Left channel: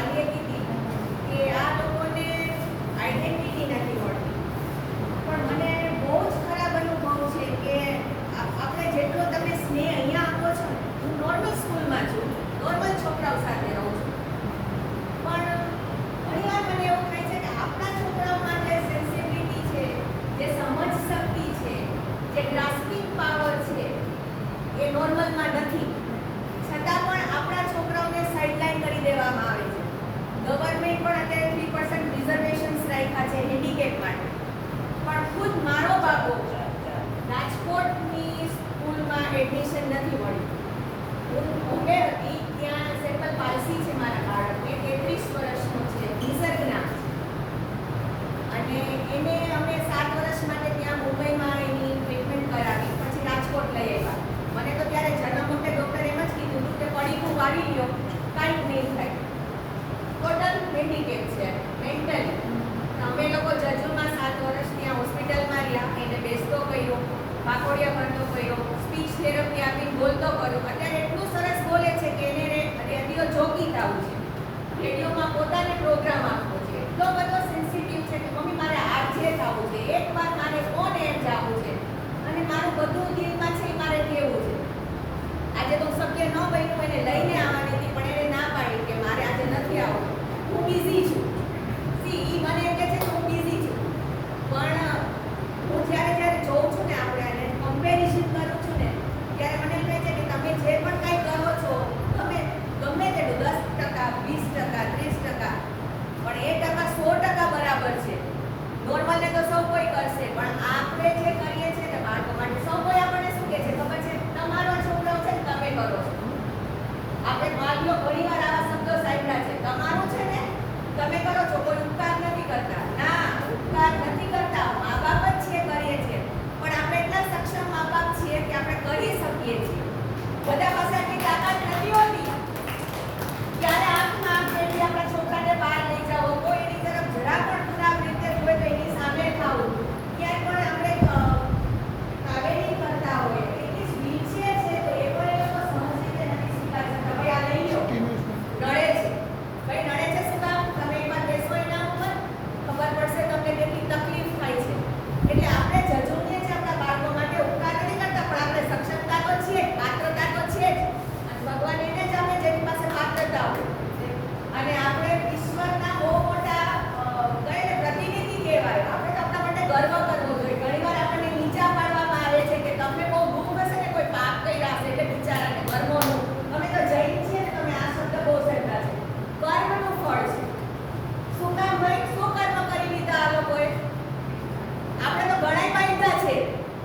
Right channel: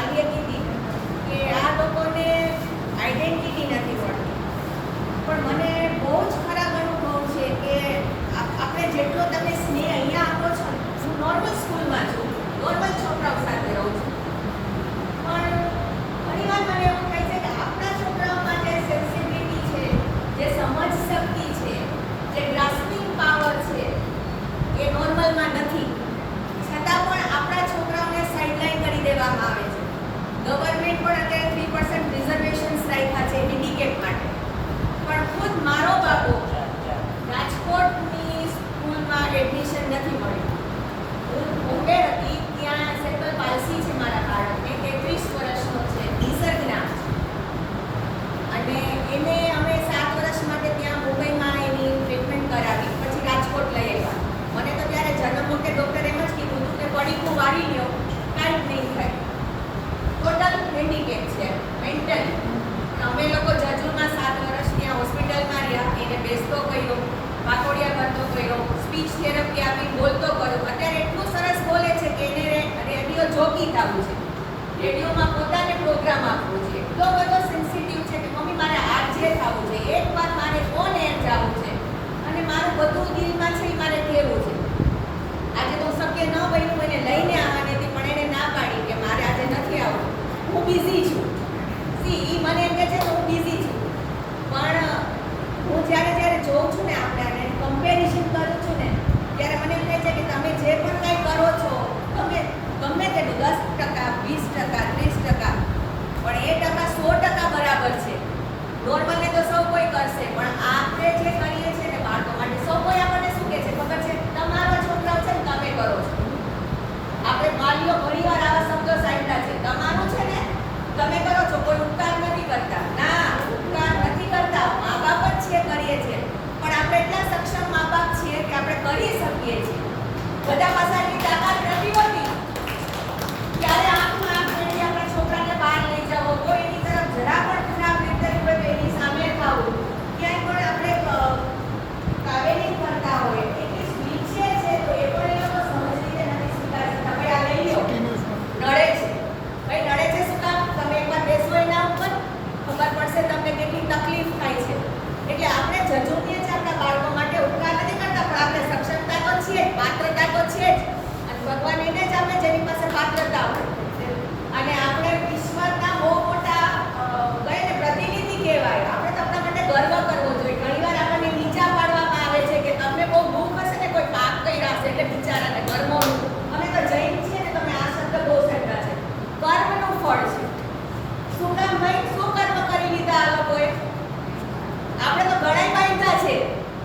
ગાંધીએ કીધી કે આ લોકોને આઈડેન્ટિટી નથી મળતી. પણ મને બહુ જ ખરાબ અનુભવ છે કે આપણે જેટલો તમે સ્નેહ અહીંયા આપો છો, હું નોર્મલ સ્કૂલમાં છું, નોર્મલ છોકરાઓ સાથે રહું છું, પણ ઘણીવાર મને એવું થાય છે કે આપણા છોકરાઓમાં જે સેન્સિટિવિટી છે, જે સમજ શક્તિ છે, જે ગ્રાસ્પિંગ પાવર છે, એ નોર્મલમાં નથી. છતાં પણ આપણા છોકરાઓને સાઇડલાઇન કરી દેવામાં આવે છે. ગવર્મેન્ટ પણ અત્યારે 3% રિઝર્વેશન્સ રાખ્યા છે હેન્ડીકેપ માટે. પણ ખુદ મારો બાબો રાજકોટની સ્કૂલમાં એડમિશન નથી મળ્યું. હું બોમ્બે હતી, ત્યાં સેમ્પલ પાલસી છે મારા બાળકને, 33 વર્ષનો છે, નિસર્ગના. અને એને અમે 7 વર્ષ માટે ત્યાં મુંબઈમાં એની ટ્રીટમેન્ટ કરાવી, પછી રાજકોટ લઈ આવ્યા. મને તો ત્યારે જન્મ વખતે ડૉક્ટર એમ જ કીધું હતું કે પડીકું વાળી લ્યો, કાંઈ જ નહીં થાય. ટોટલ હેન્ડીકેપ છે મેન્ટલી. અમે લોકો જજુમાં 7 વર્ષ ત્યાં હોસ્પિટલમાં રહ્યા, એને બેસતો કર્યો, પાકોડિયા કરતો કર્યો, સ્પીચ થેરપી આપી, બોલતો કર્યો. અત્યારે એટલું સરસ બોલે છે કે એને રેડિયો જોગી થવું છે, રેડિયોમાં પોતાને પ્રોગ્રામ આપવો છે. એટલો બધો સેન્સિટિવ છે કે મમ્મી મારે આરજે થવું છે, એકવાર મારે ઓન એર જવું છે, અને મારું બધું દિલમાં છે એ મારે કહેવું છે. આજે તો શક્ય ન બન્યું એને લઈને આવવાની હતી, પણ એને ના પાડી કે મારે આજે નથી આવવું, હું બિઝી છું. એ મને એમ કહે છે કે હું બિઝી છું, પણ હું જ્યારે જોઉં છું ને, આપણે આને કમ્પેરિઝન કરું છું ને, ત્યારે મને એમ કહે છે કે તમે જે પણ કાંઈ કરો છો, ગમે તેનું 10%, 20%, 30%, પણ એ ટકા 100% બરાબર છે. નોર્મલને તો સૌ કોઈ કરશે, પણ આપણે જે કરીએ છીએ ને બાળકો માટે, સૌ કોઈ આપણને શું કહે છે ખબર છે? તમારો છોકરાઓ છે ને તમે કરો છો. આપણે વાલીઓ ઘણીવાર આવા શબ્દો સાંભળ્યા છે, તમારું છે ને તમે કરો છો, કોઈ ઉપકાર નથી કરતા. ના, ઉપકાર નથી કરતા, મા બાપ જ છે, કરીએ છીએ. પણ આપણે એટલા સક્ષમ મા બાપ છીએ કે આપણે કરી શકીએ છીએ. બધા પાસે આટલી તાકાત નથી હોતી. ત્યારે આંખમાં આંખ મેળવી આપણા છોકરાને બહાર લઈ જાઓ, તો એની તરફ જરા પણ ખરાબ રીતે હોય તો એની સામે ખાવું, ક્યાંય પણ આપણે કાવેલી કરતા હોય, એટલી વ્હીલચેર છે તો એ પણ એ લોકો સહજ રીતે નથી સ્વીકારી શકતા. ભાઈ આ લઈ લો, નડે છે, ભાઈ નડે છે શું કામ? તમે એકવાર બેસો એના ઉપર, ખબર પડશે તમને કેટલી તકલીફ થાય છે. એટલે આપણે જજુમીએ છીએ આપણા બાળકો માટે, ઉપકાર નથી કરતા, પણ આપણે સક્ષમતા તો છીએ, પાત્રતા તો છે જ. અને ભગવાન એને જ આપણે જેની પાસે પાત્રતા હોય, અને આપણે ઈશ્વરના બહુ મોટા કહીએ ને પ્રતિનિધિ કહેવાય. આપણે તો આપણા માટે ગર્વ કરવો જોઈએ. ઘણીવાર આપણને નીચા પાડવામાં આવે છે કે તમને બહુ દુઃખ હશે ને, કોઈ પાપ કર્યા હશે એટલે બિચારાને કર્મોનું. અમે તો જૈન છીએ ને, તમે આ શબ્દ બહુ સાંભળ્યા છે, કર્મનું ફળ છે. શું કામ ભાઈ? શું કર્મ કરી લીધા આ લોકોએ? આપણે તો ગળાઈ બાંધ્યા છે.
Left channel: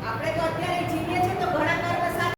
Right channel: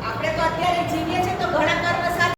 આપણે તો અત્યારે જીવીએ છીએ